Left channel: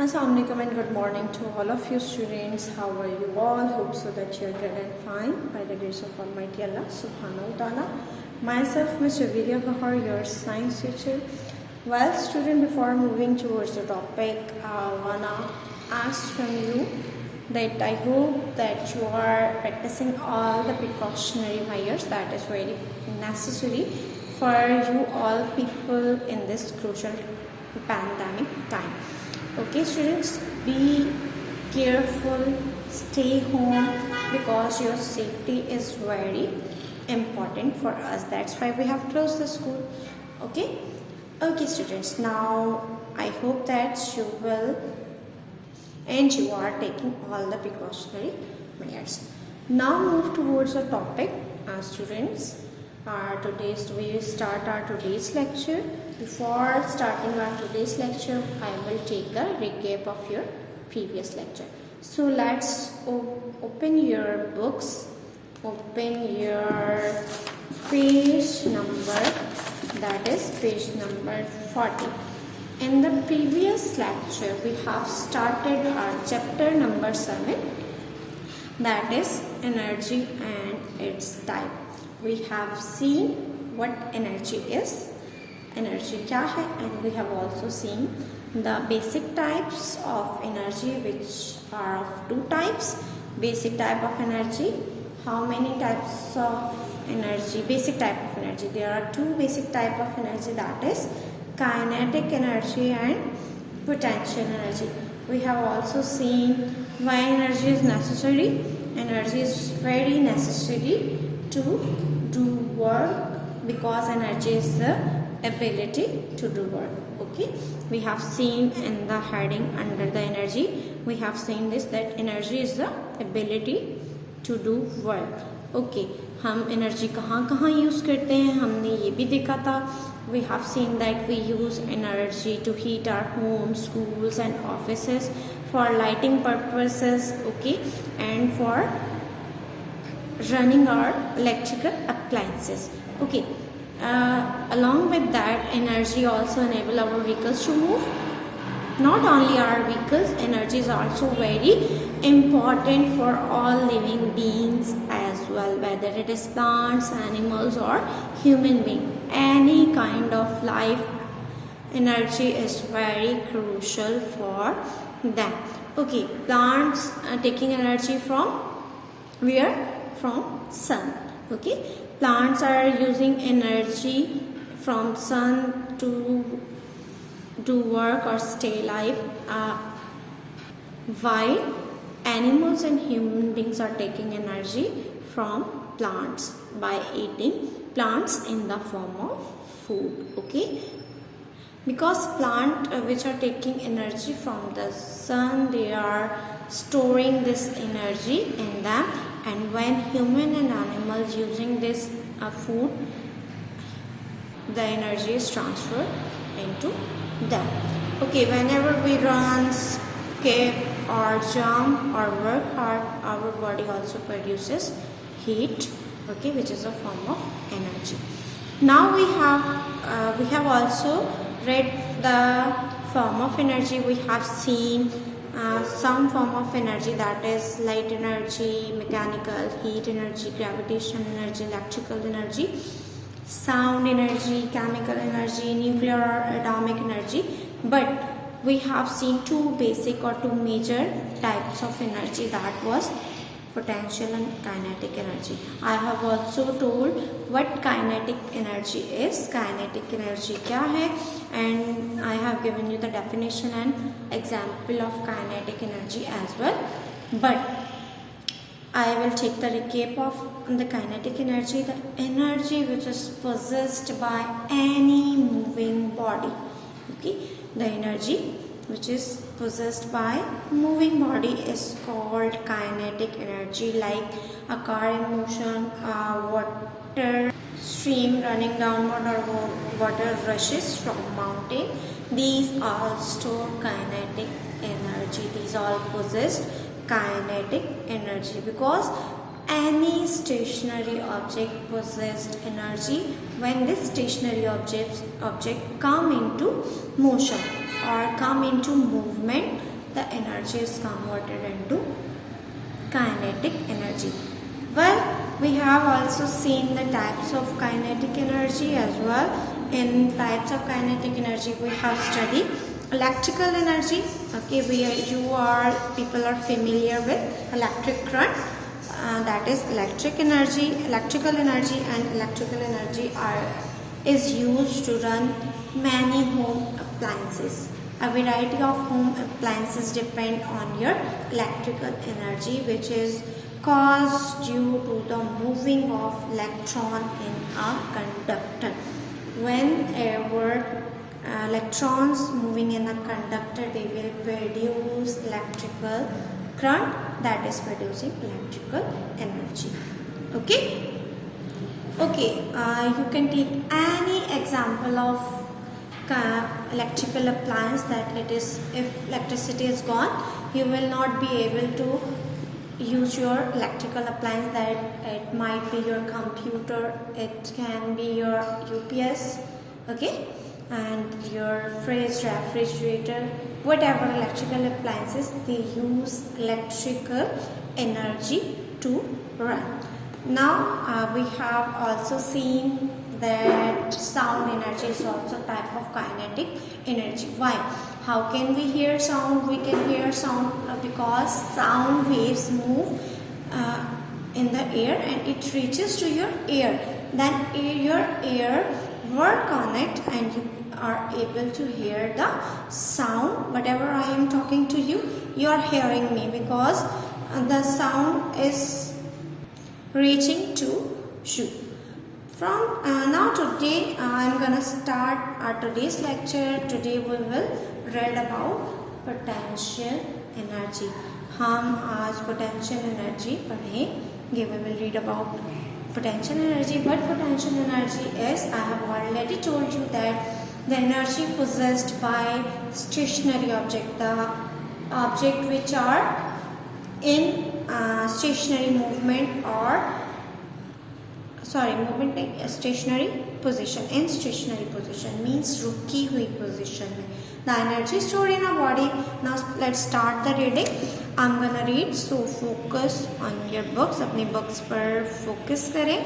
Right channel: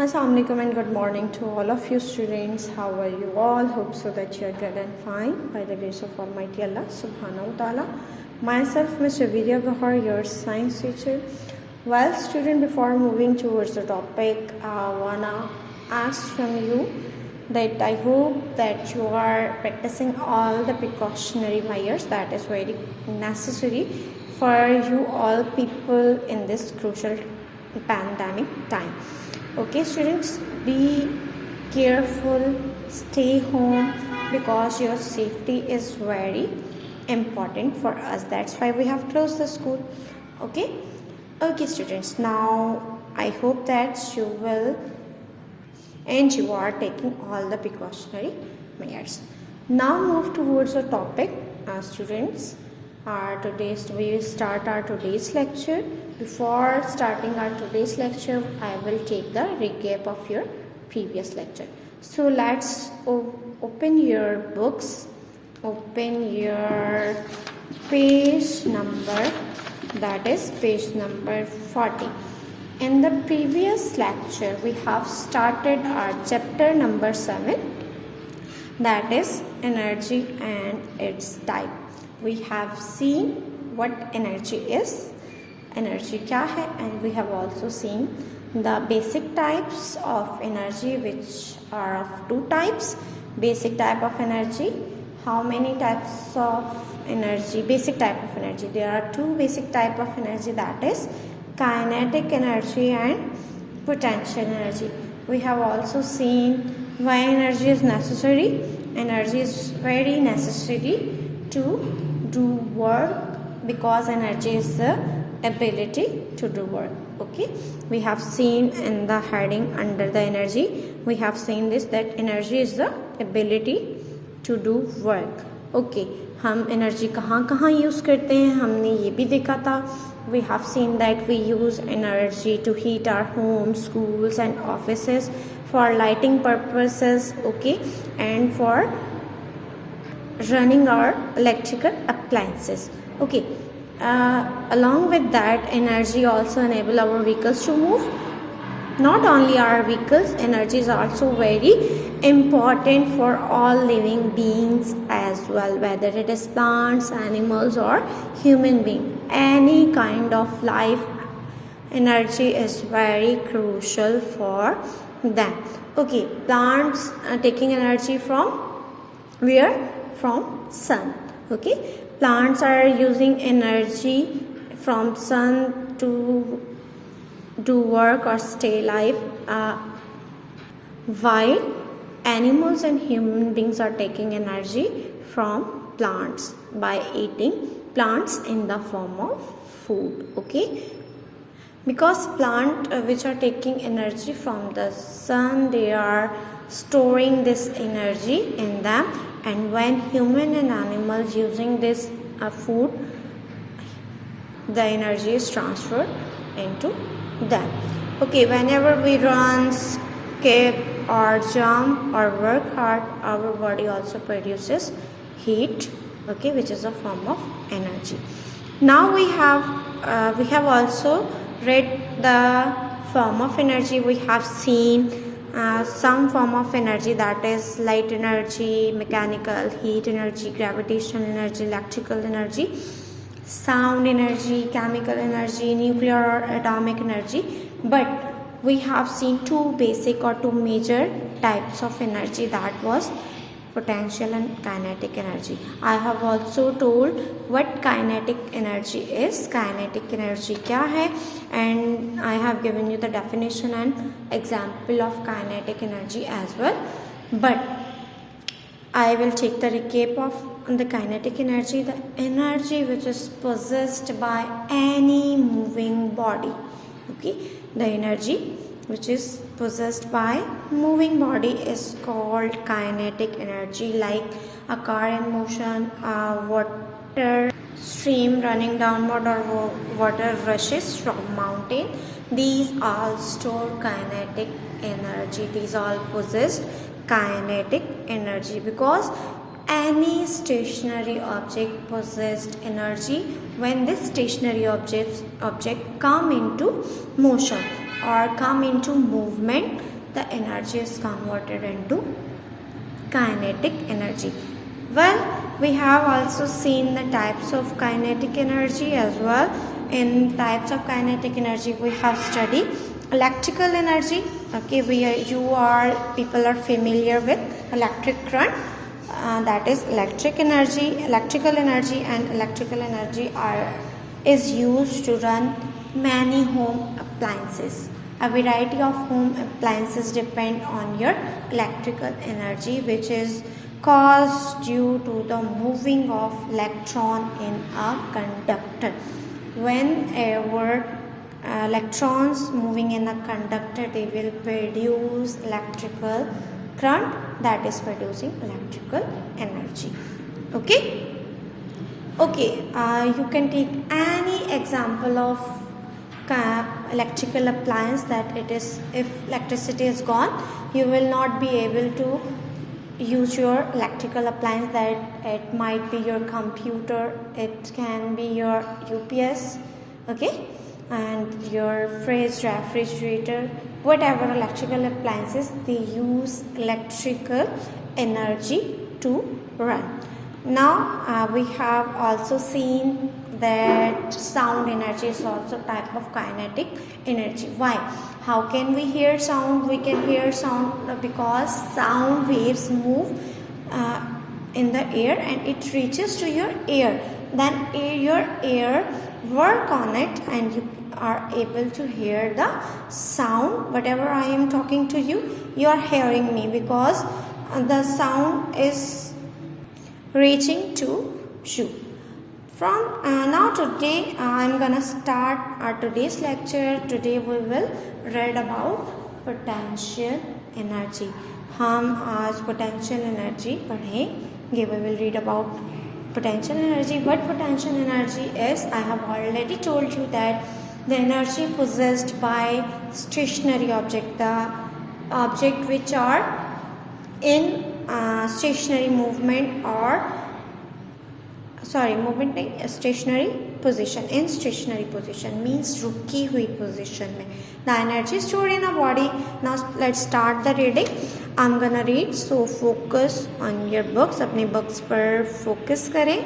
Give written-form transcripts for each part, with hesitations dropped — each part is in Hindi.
Assalamualaikum and good morning to all of you students. How are you all? Hope so that you are good and fine by the grace of Almighty Allah Subhanahu wa Taala. Myself, Mr. Vidya Bahar, your science teacher. Well, student, before moving towards the topic, I wanna ask from you that I hope that you are practicing all the precautionary measures that is very necessary for you all people in this crucial pandemic time. Okay, students, be careful, stay home because your safety is very important for us. That's why we have closed the school. Okay, students, now I hope that you will and you are taking all the precautionary measures. Now move towards the topic, students. We will start our today's lecture. Before starting our today's lecture, I will take the recap of your previous lecture. So let's open your books. Open your page number, that is page number 40. In the previous lecture, we have started our chapter number 7, that is energy and its type. We have seen what energy is, energy क्या है, and we have also seen the basic types of energy, which are of two types. Basic type of energy, how many types of energy? Basic type of energy, there are two basic type of energy, that is kinetic energy and potential energy. We have also seen why energy is necessary. Energy is very necessary to do work because energy is the ability to do work. Okay, we have seen in the heading under the energy, we have seen this, that energy is the ability to do work. Okay, हम एनर्जी कहाँ कहाँ यूज़ करते हैं हमने ये भी देखा था. We have seen that we use energy to heat our homes, schools and offices, for lighting purposes, okay, and for running our electrical appliances. Okay, along with that, energy also enable our vehicles to move. Not only our vehicles, energy is also very important for all living beings as well, whether it is plants, animals or human being. Any kind of life, energy is very crucial for them. Okay, plants taking energy from where? From sun. Okay, plants are using energy from sun to do work or stay alive, while animals and human beings are taking energy from plants by eating plants in the form of food. Okay, because plant which are taking energy from the sun, they are storing this energy in them, and when human and animals using this food, the energy is transferred into them. Okay, whenever we run, skip or jump or work hard, our body also produces heat, okay, which is a form of energy. Now we have also read the form of energy. We have seen some form of energy, that is light energy, mechanical, heat energy, gravitational energy, electrical energy, sound energy, chemical energy, nuclear or atomic energy. But we have seen two basic or two major types of energy, that was potential and kinetic energy. I have also told what kinetic energy is, kinetic energy क्या है, and I have given you the definition and example of kinetic energy as well. But I will take the recap of the kinetic energy, the energy which is possessed by any moving body. Okay, the energy which is possessed by moving body is called kinetic energy, like a car in motion, a water stream running downward, or water rushes from mountain. These all store kinetic energy. These all possess kinetic energy because any stationary object possessed energy when this stationary object come into motion. or come into movement, the energy is converted into kinetic energy. Well, we have also seen the types of kinetic energy as well. In types of kinetic energy, we have studied electrical energy. Okay, people are familiar with electric current. That is electrical energy, and electrical energy is used to run many home appliances. A variety of home appliances depend on your electrical energy, which is caused due to the moving of electron in a conductor. Whenever electrons moving in a conductor, they will produce electrical current, that is producing electrical energy. Okay, you can take any example of electrical appliance that it is, if electricity is gone, you will not be able to use your electrical appliance. That it might be your computer, it can be your UPS, okay, and your fridge, refrigerator, whatever electrical appliances, they use electrical energy to run. Now we have also seen that sound energy is also type of kinetic energy. Why? How can we hear sound? We can hear sound because sound waves move in the air and it reaches to your ear. Then your ear work on it and you are able to hear the sound. Whatever I am talking to you, you are hearing me because the sound is reaching to you. From now today I am gonna start our today's lecture. Today we will read about potential energy. हम आज potential energy पढ़ेंगे. We will read about potential energy. What potential energy is, I have already told you that the energy possessed by stationary object, the object which are in stationary movement or stationary position. In stationary position means रुकी हुई position में. The energy stored in a body. Now let's start the reading. I'm gonna read, so focus on your books. अपनी books पर focus करें,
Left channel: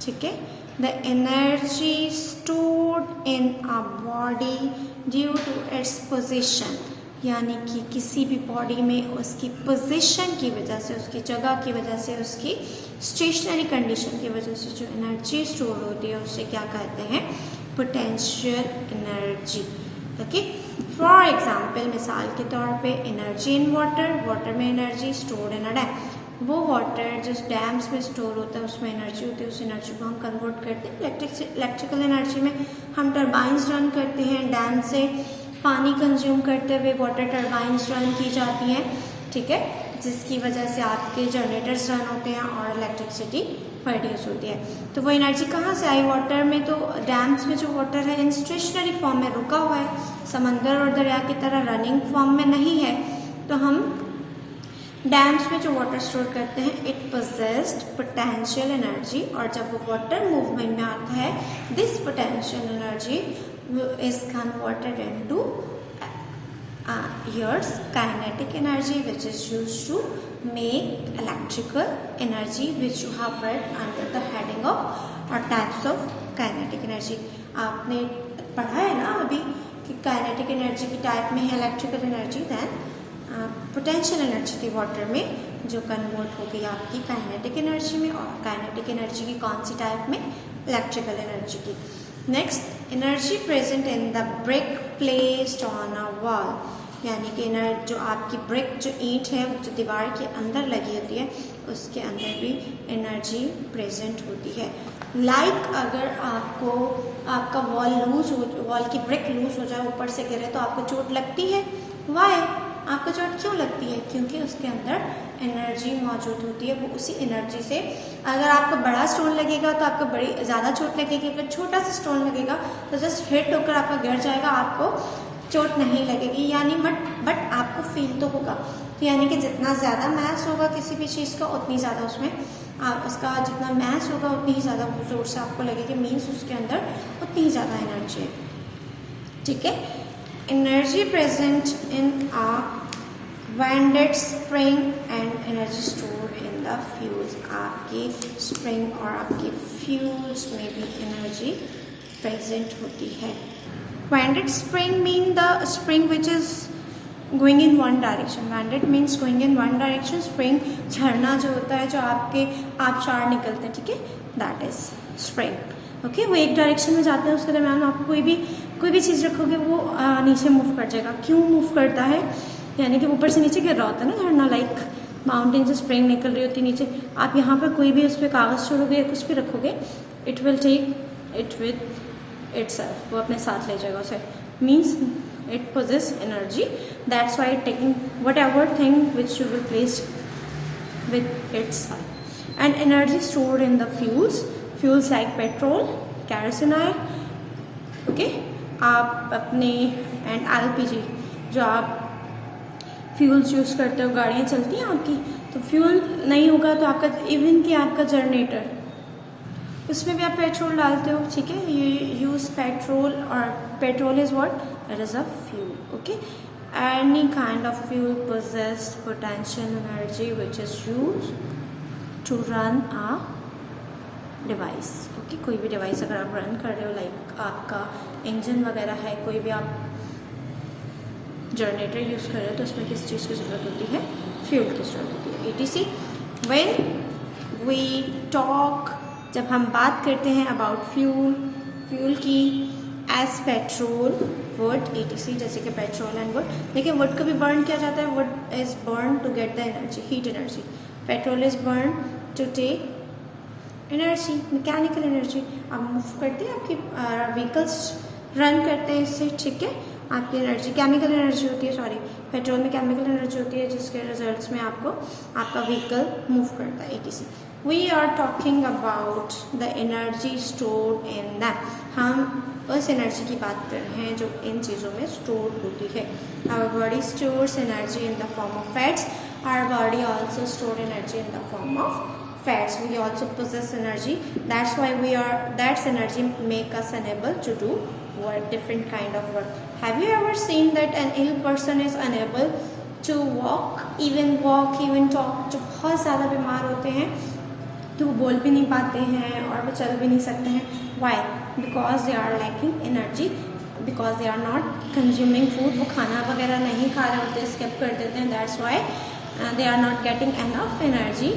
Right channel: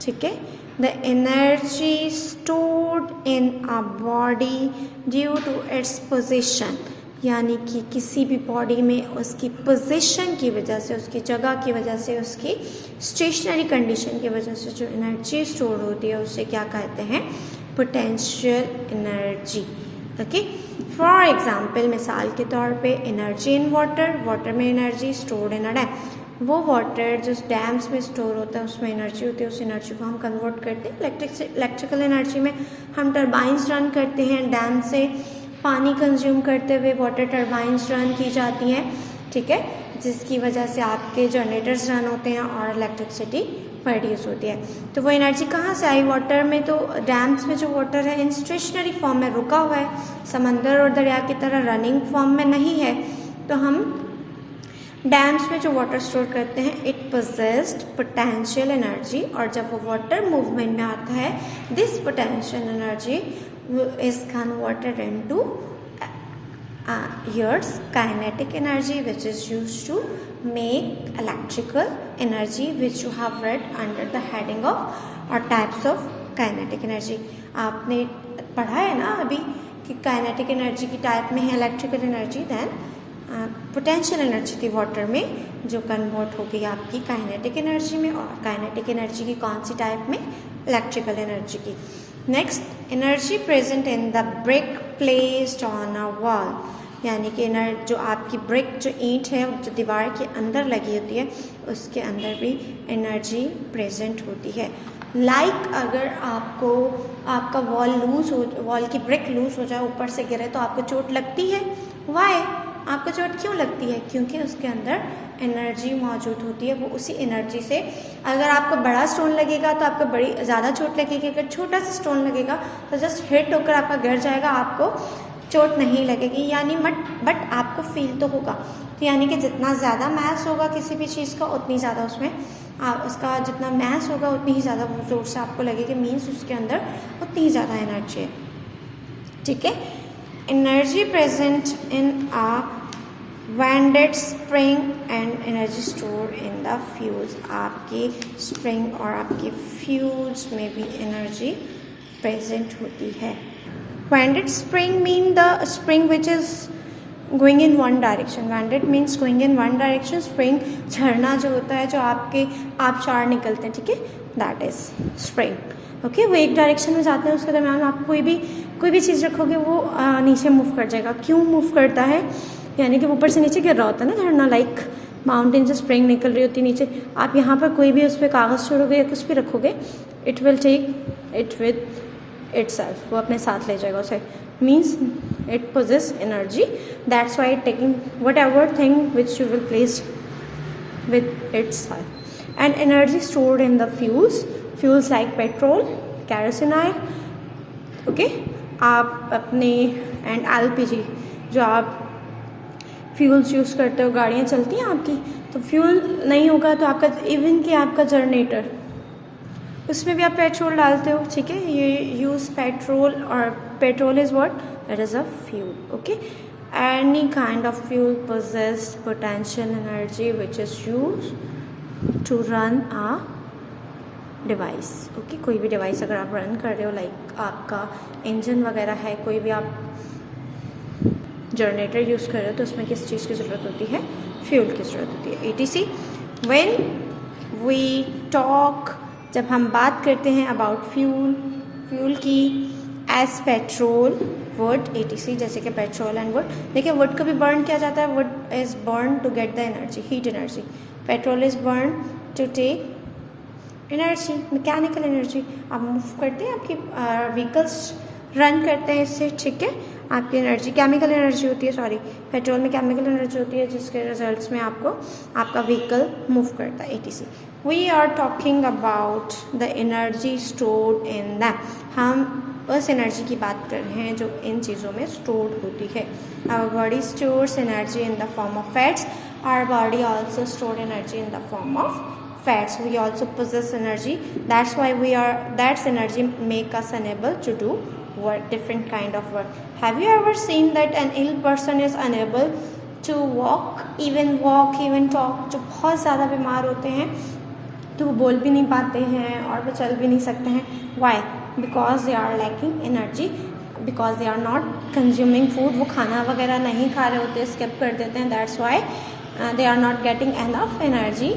ठीक है. The energy stored in a body due to its position, यानी कि किसी भी बॉडी में उसकी पोजीशन की वजह से, उसकी जगह की वजह से, उसकी स्टेशनरी कंडीशन की वजह से जो एनर्जी स्टोर होती है उसे क्या कहते हैं? Potential energy. Okay, for example, मिसाल के तौर पे एनर्जी इन वाटर. वाटर में एनर्जी स्टोर्ड इन अ डैम. वो वाटर जो डैम्स में स्टोर होता है उसमें एनर्जी होती है, उस एनर्जी को हम कन्वर्ट करते हैं इलेक्ट्रिकल एनर्जी में. हम टर्बाइंस रन करते हैं, डैम से पानी कंज्यूम करते हुए वाटर टर्बाइंस रन की जाती हैं, ठीक है, जिसकी वजह से आपके जनरेटर्स रन होते हैं और इलेक्ट्रिसिटी प्रोड्यूस होती है. तो वो एनर्जी कहाँ से आई? वाटर में. तो डैम्स में जो वाटर है इन स्टेशनरी फॉर्म में रुका हुआ है, समंदर और दरिया की तरह रनिंग फॉर्म में नहीं है. तो हम डैम्स में जो वाटर स्टोर करते हैं, इट पोजेस्ड पोटेंशियल एनर्जी. और जब वो वाटर मूवमेंट में आता है, this potential energy is converted into your kinetic energy, which is used to make electrical energy, which you have read under the heading of or types of kinetic energy. आपने पढ़ा है ना अभी कि kinetic energy की टाइप में है electrical energy, then potential energy थी वाटर में जो कन्वर्ट हो गई आपकी काइनेटिक एनर्जी में, और काइनेटिक एनर्जी की कौन सी टाइप में? इलेक्ट्रिकल एनर्जी की. Next, energy present in the brick placed on a wall, यानी कि जो आपकी ब्रिक जो ईंट है जो दीवार के अंदर लगी होती है उसके अंदर भी एनर्जी प्रेजेंट होती है. अगर आपका वॉल की ब्रिक लूज हो जाए, ऊपर से गिरे, तो आपको चोट लगती है. वाई? आपको चोट क्यों लगती है? क्योंकि उसके अंदर एनर्जी मौजूद होती है. वो उसी एनर्जी से, अगर आपको बड़ा स्टोन लगेगा तो आपको बड़ी ज़्यादा चोट लगेगी. अगर छोटा सा स्टोन लगेगा तो जस्ट हिट होकर आपका गिर जाएगा, आपको चोट नहीं लगेगी. यानी बट आपको फील तो होगा. तो यानी कि जितना ज़्यादा मास होगा किसी भी चीज़ का, उतनी ज़्यादा उसमें उसका जितना मास होगा उतनी ही ज़्यादा जोर से आपको लगेगा. मीन्स उसके अंदर उतनी ही ज़्यादा एनर्जी है, ठीक है. Energy present in a ended spring and energy stored in the fuels. आपकी स्प्रिंग और आपके फ्यूल्स में भी एनर्जी प्रेजेंट होती है। Ended spring mean the spring which is going in one direction. Ended means going in one direction. Spring झरना जो होता है, जो आपके आबशार निकलते हैं, ठीक है, दैट इज स्प्रिंग। ओके, वो एक डायरेक्शन में जाते हैं, उसके दरम्यान आप कोई भी चीज़ रखोगे वो नीचे मूव कर जाएगा। क्यों मूव करता है? यानी कि ऊपर से नीचे गिर रहा होता है ना झरना, लाइक माउंटेन से स्प्रिंग निकल रही होती है नीचे। आप यहाँ पर कोई भी उस पर कागज़ छोड़ोगे या कुछ भी रखोगे, it will take it with itself, वो अपने साथ ले जाएगा उसे। Means it possess energy, that's why taking whatever thing which you will place with itself. And energy stored in the fuels like petrol, kerosene, okay, आप अपने and LPG, जो आप फ्यूल्स यूज करते हो, गाड़ियाँ चलती हैं आपकी, तो फ्यूल नहीं होगा तो आपका इवन कि आपका जनरेटर, उसमें भी आप पेट्रोल डालते हो, ठीक है, ये यूज पेट्रोल, और petrol is what? It is a fuel. Okay, any kind of fuel possess potential energy which is used to run a device. Okay, कोई भी डिवाइस अगर आप रन कर रहे हो, लाइक आपका इंजन वगैरह है, कोई भी आप जनरेटर यूज कर रहे हो, तो उसमें किस चीज़ की ज़रूरत होती है? फ्यूल की ज़रूरत होती है। ETC, when we talk, जब हम बात करते हैं अबाउट फ्यूल की, एज पेट्रोल, वुड, ETC, जैसे कि पेट्रोल एंड वुड। देखिए, वुड को भी बर्न किया जाता है। Wood is burn to get the energy, heat energy. Petrol is burn to take energy, mechanical energy. आप मूव करते हैं, आपकी व्हीकल्स रन करते हैं इससे, ठीक है, आपकी एनर्जी केमिकल एनर्जी होती है, सॉरी, पेट्रोल में केमिकल एनर्जी होती है, जिसके रिजल्ट्स में आपको आपका व्हीकल मूव करता है, ETC। We are talking about the energy stored in them. हम उस एनर्जी की बात कर रहे हैं जो इन चीज़ों में स्टोर्ड होती है। Our body stores energy in the form of fats. Our body also store energy in the form of fats. We also possess energy. That's why that's energy make us unable to do work, different kind of work. Have you ever seen that an ill person is unable to walk, even talk? जो बहुत ज़्यादा बीमार होते हैं तो वो बोल भी नहीं पाते हैं और वो चल भी नहीं सकते हैं। Why? Because they are lacking energy, because they are not consuming food. वो खाना वगैरह नहीं खा रहे होते, स्किप कर देते हैं। That's why they are not getting enough energy.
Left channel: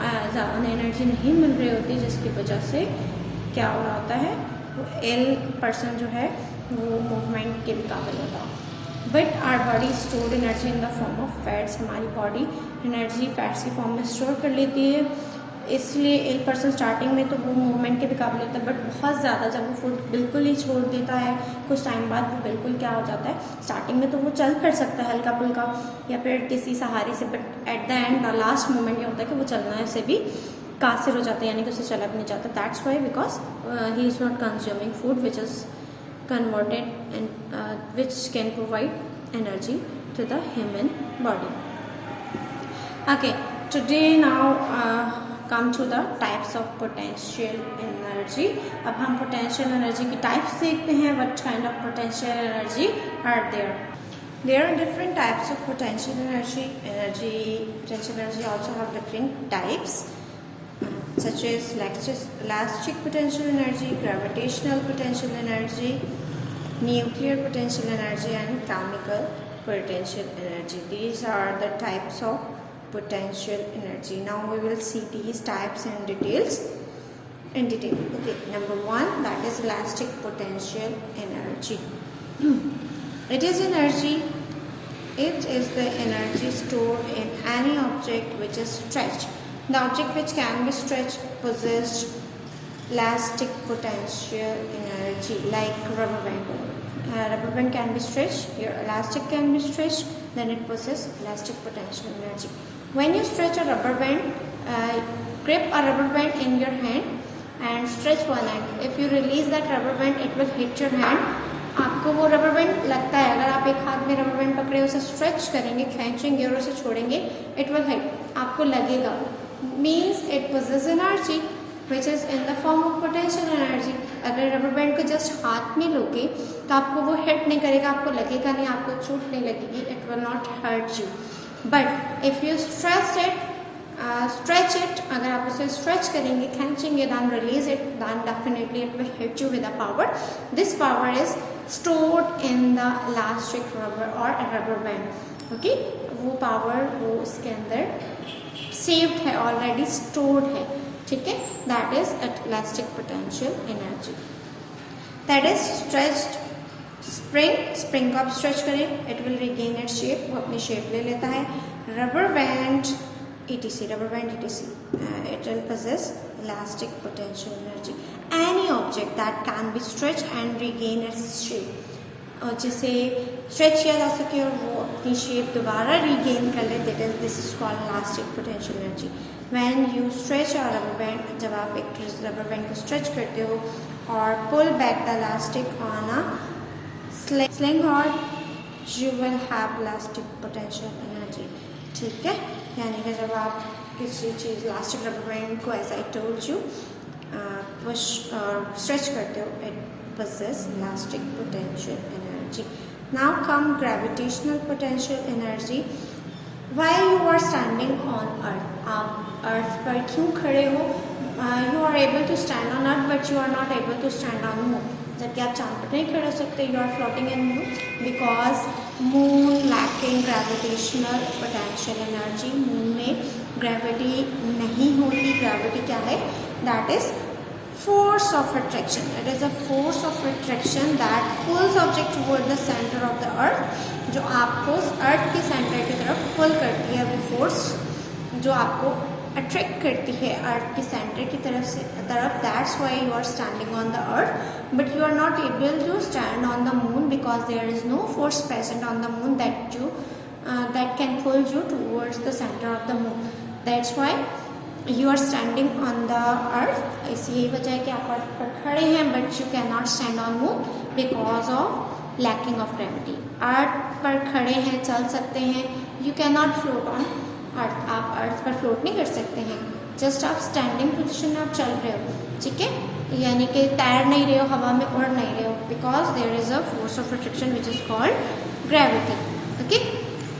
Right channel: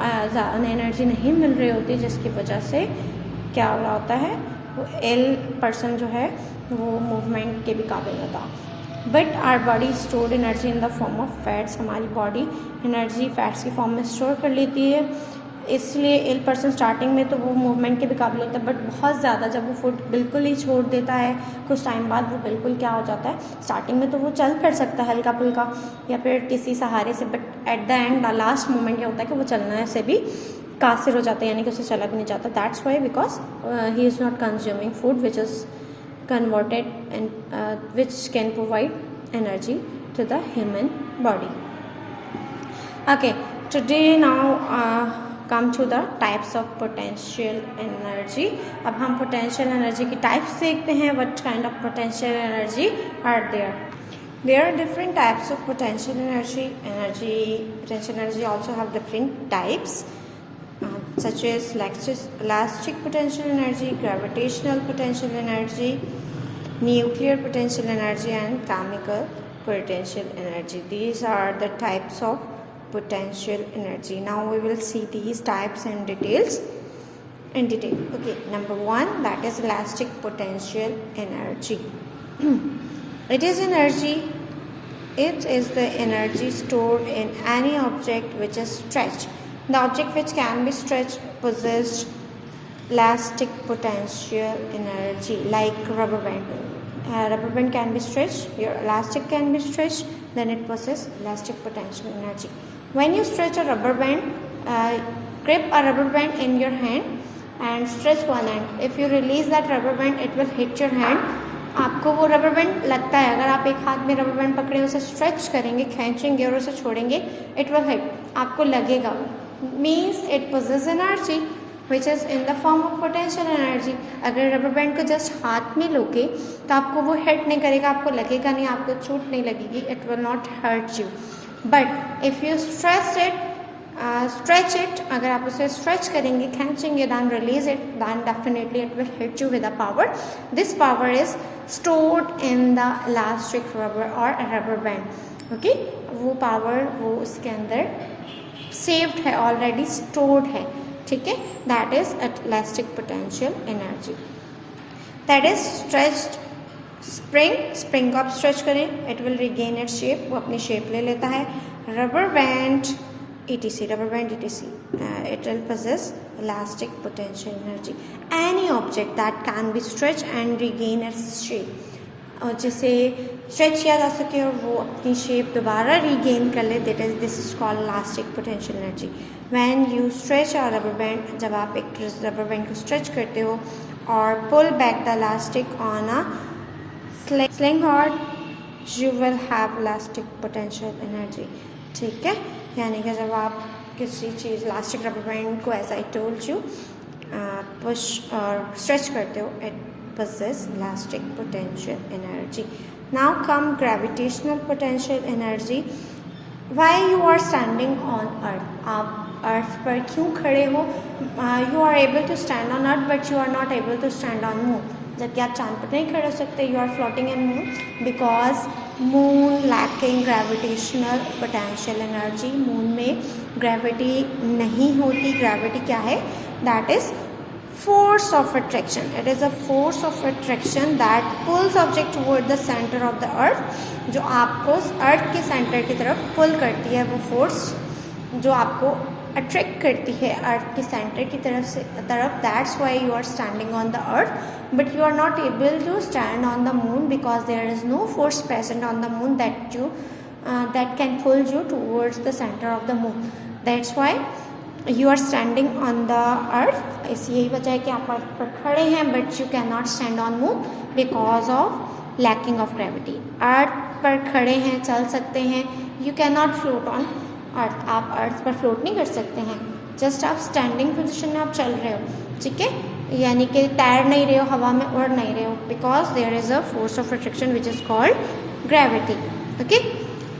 Energy नहीं मिल रही होती, जिसकी वजह से क्या हो रहा होता है, वो इल पर्सन जो है वो मूवमेंट के भी काबिल होता है। But our body stored energy in the form of fats. हमारी बॉडी एनर्जी फैट्स की फॉर्म में स्टोर कर लेती है, इसलिए इल पर्सन स्टार्टिंग में तो वो मूवमेंट के भी काबिल होता है, बट बहुत ज़्यादा जब वो फूड बिल्कुल ही छोड़ देता है, कुछ टाइम बाद वो बिल्कुल क्या हो जाता है, स्टार्टिंग में तो वो चल कर सकता है हल्का फुल्का या फिर किसी सहारे से, but at the end last moment क्या होता है कि वो चलना से भी कासिर हो जाता है, यानी कि उसे चला भी नहीं जाता। That's why because he is not consuming food which is converted and which can provide energy to the human body. Okay, today now come to the types of potential energy. अब हम potential energy की types देखते हैं। What kind of potential energy are there? There are different types of potential energy. Potential energy also have different types, such as elastic potential energy, gravitational potential energy, nuclear potential energy, and chemical potential energy. These are the types of potential energy. Now we will see these types in detail. Okay, number one, that is elastic potential energy. It is energy. It is the energy stored in any object which is stretched. The object which can be stretched possesses elastic potential energy, like rubber band. Rubber band can be stretched. Your elastic can be stretched. Then it possesses elastic potential energy. When you stretch a rubber band, grip a rubber band in your hand and stretch one end. If you release that rubber band, it will hit your hand. आपको वो रबर बैंड लगता है, अगर आप एक हाथ में रबर बैंड पकड़े उसे स्ट्रेच करेंगे, खींचेंगे और उसे छोड़ेंगे, इट विल हिट, आपको लगेगा। Means it possess energy. Which is in the form of potential energy. अगर रबर बैंड को जस्ट हाथ में लोगे तो आपको वो हिट नहीं करेगा, आपको लगेगा नहीं, आपको चोट नहीं लगेगी, it will not hurt you. But if you stretch it, अगर आप उसे स्ट्रेच करेंगे, खींचेंगे, then release it, then definitely it will hit you with a power. This power is stored in the elastic rubber or rubber band. Okay, वो power वो उसके अंदर saved है, already stored है, ठीक है। That is elastic potential energy. That is stretched spring को आप स्ट्रेच करें, it will regain its shape, वो अपनी shape ले लेता है। Rubber band etc. Rubber band etc. It will possess elastic potential energy. Any object that can be stretched and regain its shape, और जिसे स्ट्रेच किया जा सके और वो अपनी शेप दोबारा रीगेन कर ले, this is called elastic potential energy. When you stretch a rubber band, जब आप एक रबर बैंड को स्ट्रेच करते हो और pull back the elastic on a sling rod, you will have elastic potential energy, ठीक है। यानी कि जब आप किसी चीज़ इलास्टिक रबर बैंड को as I told you push और स्ट्रेच करते हो, it possess elastic potential energy. Now come gravitational potential energy. Why you are standing on earth? आप अर्थ पर क्यों खड़े हो? You are able to stand on earth but you are not able to stand on moon. जबकि आप चांद पर नहीं खड़े हो सकते, you are floating in moon because moon lacking gravitational potential energy. moon में gravity नहीं होती। gravity क्या है? That is force of attraction. It is a force of attraction that pulls object toward the center of the earth. जो आपको अर्थ के सेंटर की तरफ पुल करती है, वो फोर्स जो आपको अट्रैक्ट करती है अर्थ के सेंटर की तरफ। That's why you are standing on the earth but you are not able to stand on the moon because there is no force present on the moon that can pull you towards the center of the moon. That's why you are standing on the earth. इसी यही वजह है कि आप अर्थ पर खड़े हैं but you can not stand on moon because of lacking of gravity. Earth पर खड़े हैं, चल सकते हैं, you can not float on earth. आप अर्थ पर फ्लोट नहीं कर सकते हैं, जस्ट आप स्टैंडिंग पोजिशन में आप चल रहे हो, ठीक है। यानी कि तैर नहीं रहे हो, हवा में उड़ नहीं रहे हो, because there is a force of attraction which is called gravity. Okay,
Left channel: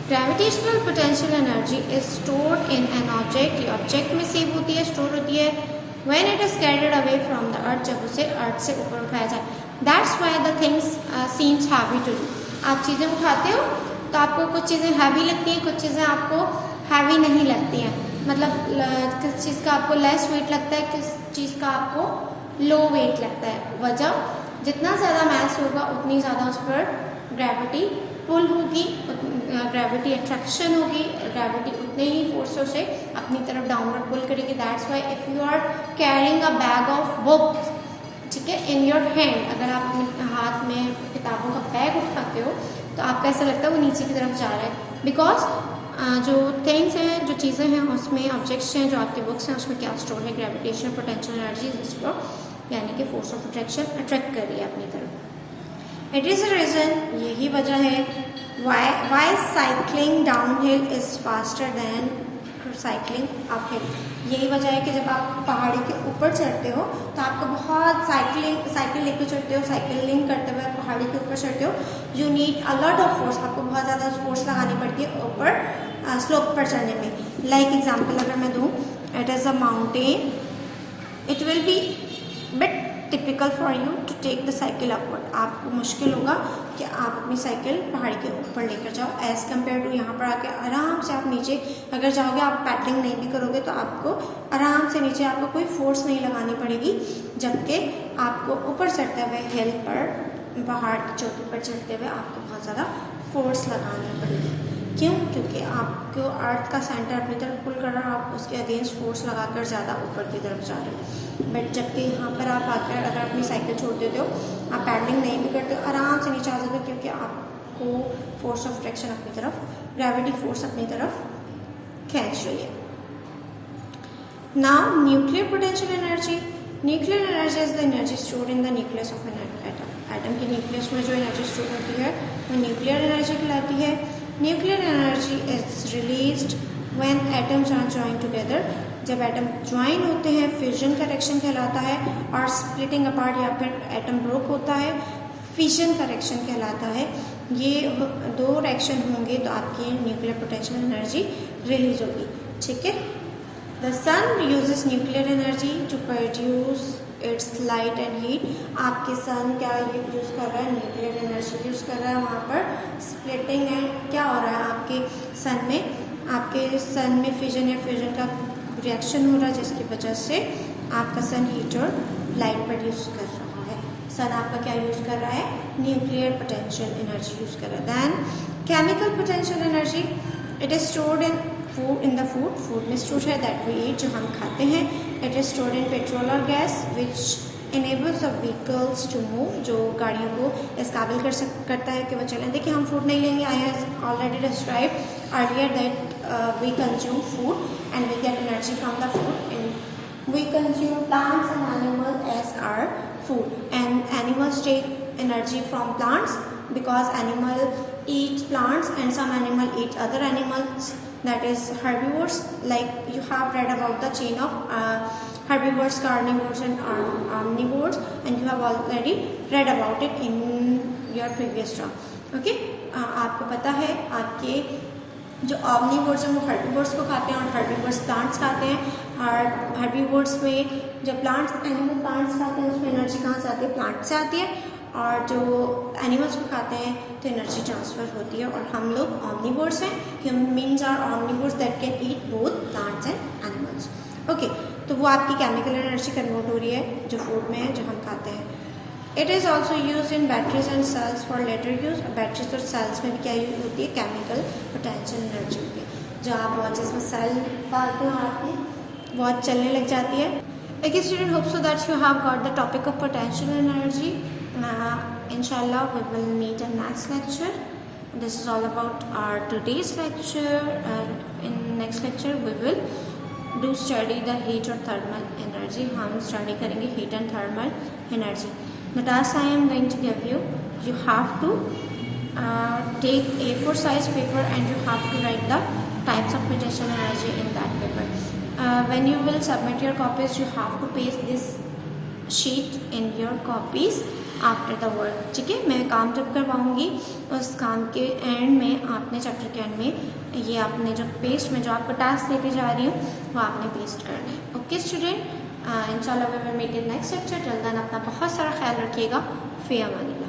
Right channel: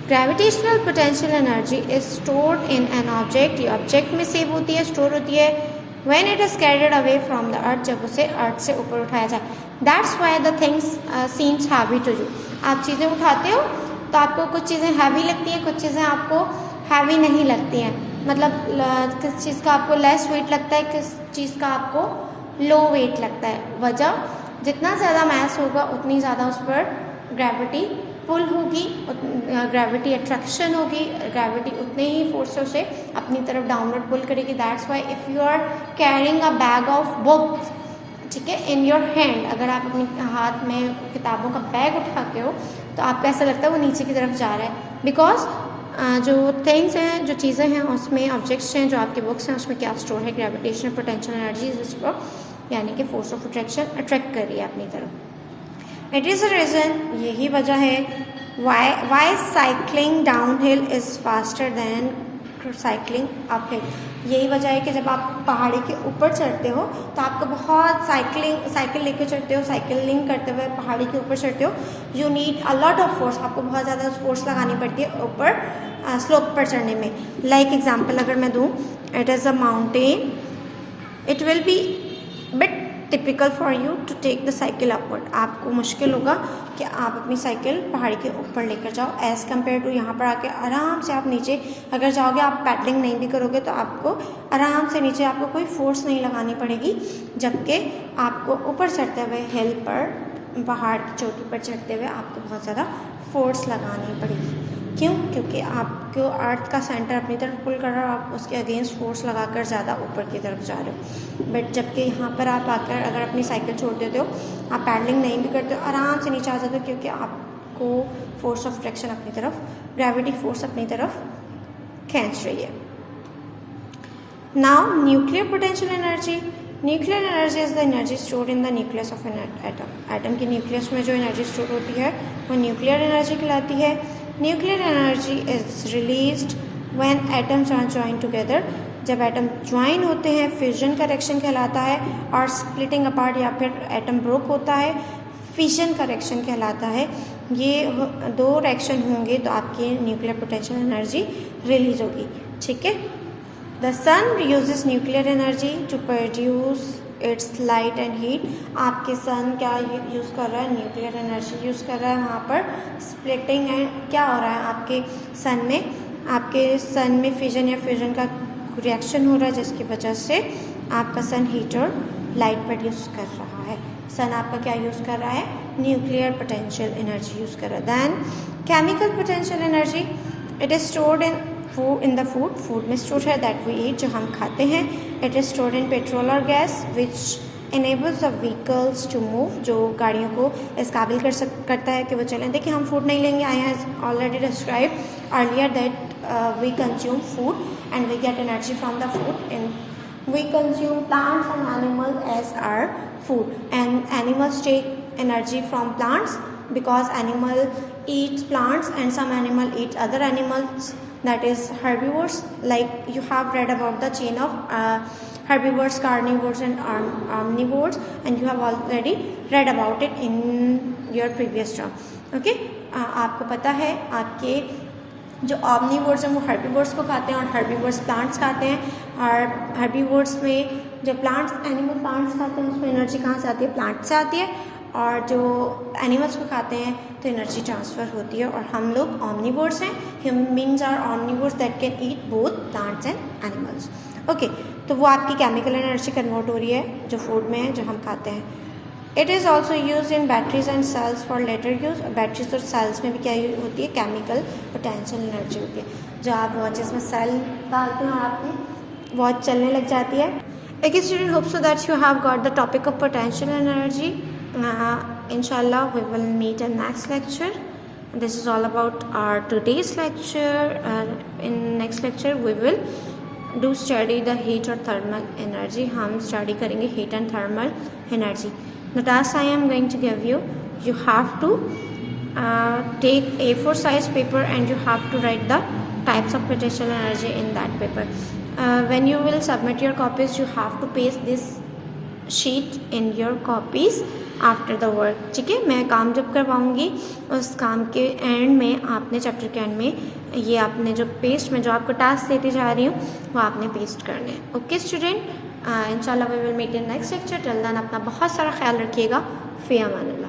gravitational potential energy is stored in an object. ये ऑब्जेक्ट में सेव होती है, स्टोर होती है when it is carried away from the earth, जब उसे अर्थ से ऊपर उठाया जाए। That's why the things seems heavy to you. आप चीज़ें उठाते हो तो आपको कुछ चीज़ें हैवी लगती हैं, कुछ चीज़ें आपको हैवी नहीं लगती हैं। मतलब किस चीज़ का आपको लेस वेट लगता है, किस चीज़ का आपको लो वेट लगता है। वजह, जितना ज़्यादा मैस होगा उतनी ज़्यादा उस पर ग्रेविटी पुल होगी, ग्रेविटी अट्रैक्शन होगी, ग्रेविटी उतने ही फोर्स से उसे अपनी तरफ डाउनवर्ड पुल करेगी। That's why if you are carrying a bag of books, ठीक है, इन योर हैंड, अगर आप अपने हाथ में किताबों का बैग उठाते हो तो आपको ऐसा लगता है वो नीचे की तरफ जा रहा है, बिकॉज जो थिंग्स हैं, जो चीज़ें हैं उसमें, ऑब्जेक्ट्स हैं, जो आपके बुक्स हैं उसमें क्या स्टोर है? ग्रेविटेशनल पोटेंशियल एनर्जी, जिसको यानी कि फोर्स ऑफ अट्रैक्शन अट्रैक्ट कर रही है अपनी तरफ। इट इज़ अ रीज़न, यही वजह है why cycling down hill is faster than cycling up hill. यही वजह है कि जब आप पहाड़ी के ऊपर चढ़ते हो तो आपको बहुत साइकिल लेकर चढ़ते हो, साइकिलिंग करते हुए पहाड़ी के ऊपर चढ़ते हो, you need a lot of force, आपको बहुत ज़्यादा फोर्स लगानी पड़ती है ऊपर स्लोप पर चढ़ने में। लाइक एग्जाम्पल अगर मैं दूँ, it is a mountain, it will be bit typical for you to take the cycle upward. आपको मुश्किल होगा कि आप अपनी साइकिल पहाड़ी के ऊपर लेकर जाओ एज कम्पेयर टू यहाँ पर आके आराम से आप नीचे अगर जाओगे, आप पैडलिंग नहीं भी करोगे तो आपको आराम से नीचे, आपको कोई फोर्स नहीं लगानी पड़ेगी, जबकि आपको ऊपर चढ़ते हुए हिल पर, पहाड़ की चोटी पर चढ़ते हुए आपको बहुत ज़्यादा फोर्स लगानी पड़ेगी। क्यों? क्योंकि आपको अर्थ का सेंटर अपनी तरफ पुल कर रहा है, आप उसके अगेंस्ट फोर्स लगाकर ज़्यादा ऊपर की तरफ जा रहे हो। बट जबकि यहाँ पर आप आकर अगर अपनी साइकिल छोड़ देते हो, आप पैडलिंग नहीं भी करते हो, आराम से नीचे आ जाते हो, क्योंकि आपको फोर्स ऑफ अट्रैक्शन अपनी तरफ, ग्रेविटी फोर्स अपनी तरफ खींच रही है। Now nuclear potential energy. Nuclear energy is the energy stored in the nucleus of an atom. Atom की न्यूक्लियस में जो एनर्जी स्टोर होती है वो न्यूक्लियर एनर्जी कहलाती है। Nuclear energy is released when atoms are joined together. जब एटम ज्वाइन होते हैं फ्यूजन का रिएक्शन कहलाता है, और स्प्लिटिंग अपार्ट या फिर एटम ब्रेक होता है फिशन का रिएक्शन कहलाता है। ये दो रिएक्शन होंगे तो आपकी न्यूक्लियर पोटेंशियल एनर्जी रिलीज होगी। ठीक है, the sun uses nuclear energy to produce its light and heat. आपके सन क्या यूज़ कर रहा है? न्यूक्लियर एनर्जी यूज़ कर रहा है। वहाँ पर स्प्लिटिंग है, क्या हो रहा है आपके सन में फिजन या फ्यूजन का रिएक्शन हो रहा है, जिसकी वजह से आपका सन हीट और लाइट प्रोड्यूस कर रहा है। सन आपका क्या यूज़ कर रहा है? न्यूक्लियर पोटेंशियल एनर्जी यूज़ कर रहा है। Then chemical potential energy, it is stored in the food में स्टोर है दैट वी ईट, जो हम खाते हैं। It is stored in petrol और gas which enables of vehicles to move, जो गाड़ियों को इस काबिल करता है कि वो चलें। देखिए, हम फूड नहीं लेंगे, I have already describe earlier that we consume food and we get energy from the food, and we consume plants and animals as our food, and animals take energy from plants because animal eat plants and some animal eat other animals, that is herbivores. Like you have read about the chain of herbivores, carnivores and omnivores, and you have already read about it in your previous term. Okay, आपको पता है आपके जो ऑमनीवोर्स हैं वो हर्बीवोर्स को खाते हैं और हर्बीवोर्स प्लांट्स खाते हैं। और हर्बीवोर्स में जो एनिमल प्लांट्स खाते हैं उसमें एनर्जी कहाँ से आती है? प्लांट से आती है। और जो एनिमल्स को खाते हैं तो एनर्जी ट्रांसफर होती है। और हम लोग ऑमनीवोर्स हैं, humans are omnivores that can eat both plants and animals. Okay, तो वो आपकी केमिकल एनर्जी कन्वर्ट हो रही है जो फूड में है, जो हम खाते हैं। It is also use in batteries and cells for later use. Batteries और सेल्स में भी क्या यूज होती है? केमिकल पोटेंशियल एनर्जी होती है। जो आप वॉचेस में सेल डालते हो, आपकी वॉच चलने लग जाती है। एक student hope so that you have got the topic of potential energy. इंशाल्लाह we will meet in next lecture. This is all about our today's lecture. In next lecture we will do study the heat or thermal energy. हम study करेंगे heat and thermal energy. The task I am going to give you, you have to take A4 size paper and you have to write the types of potential energy in that paper. When you will submit your copies, you have to paste this sheet in your copies after the work. ठीक है, मैं काम जब करवाऊंगी उस काम के एंड में आपने चैप्टर के एंड में ये आपने जो पेस्ट में जो आपको टास्क देती जा रही हूँ वो आपने पेस्ट करने हैं। ओके स्टूडेंट, इंशाल्लाह we will meet in next lecture. Till then अपना बहुत सारा ख्याल रखिएगा। फिर अमान।